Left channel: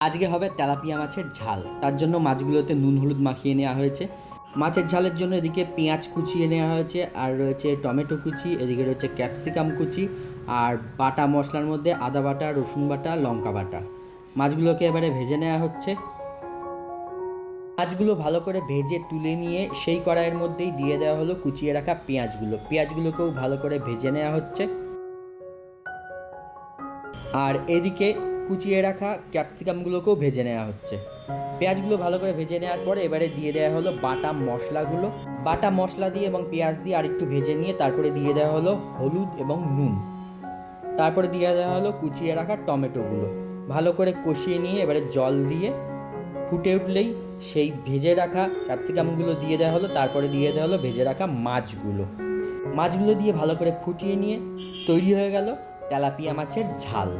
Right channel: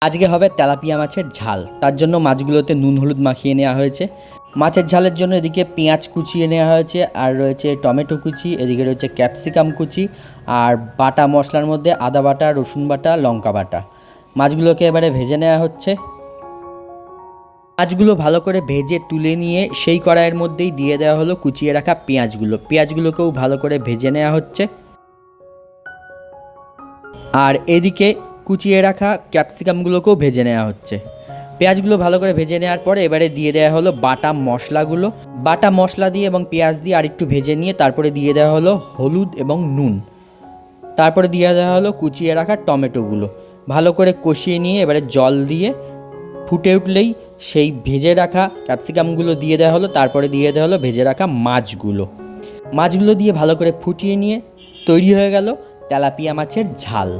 আজকে হবে তেলাপিয়া মাছের ঝাল। তার জন্য মাছগুলোতে নুন হলুদ মাখিয়ে নেওয়া হয়েছে। মাছের ঝালের জন্য এদিকে পেঁয়াজ কুচিয়ে নেওয়া হয়েছে, আর রয়েছে টমেটো কুচি, এদিকে রয়েছে ক্যাপসিকাম কুচি, আর বাটা মশলার মধ্যে আদা বাটা, রসুন বাটা, লঙ্কা বাটা। মাছগুলোকে এবারে ভেজে নেওয়া হচ্ছে। মাছগুলো ভালো করে ভেজে তুলে নিয়ে সেই কড়াইয়ের মধ্যেই দিয়ে দেওয়া হলো কুচিয়ে রাখা পেঁয়াজগুলোকেও ভালো করে ভেজে নেওয়া হচ্ছে। আর এদিকে কুচিয়ে রাখা ক্যাপসিকামগুলোকেও ভেজে নেওয়া হচ্ছে। পেঁয়াজগুলো ভালো করে ভেজে নেওয়ার পরে এবারে দিয়ে দেওয়া হলো বাটা মশলাগুলো। বাটা মশলা দিয়ে এবং পেঁয়াজ দিয়ে আরেকটু ভেজে নিয়ে তারপরে দিয়ে দেওয়া হলো হলুদ এবং নুন। তারপরে দিয়ে দেওয়া হলো কুচিয়ে রাখা টমেটোগুলো। ভালো করে কষিয়ে নিয়ে এবারে জল দিয়ে ফুটে উঠলেই সেই ভেজে রাখা ক্যাপসিকামগুলো দিয়ে দেওয়া হলো। তারপরে দিয়ে দেওয়া হলো ভেজে রাখা মাছগুলো দিয়ে ভালো করে ফুটিয়ে নিয়ে তৈরি হয়ে গেল তেলাপিয়া মাছের ঝাল।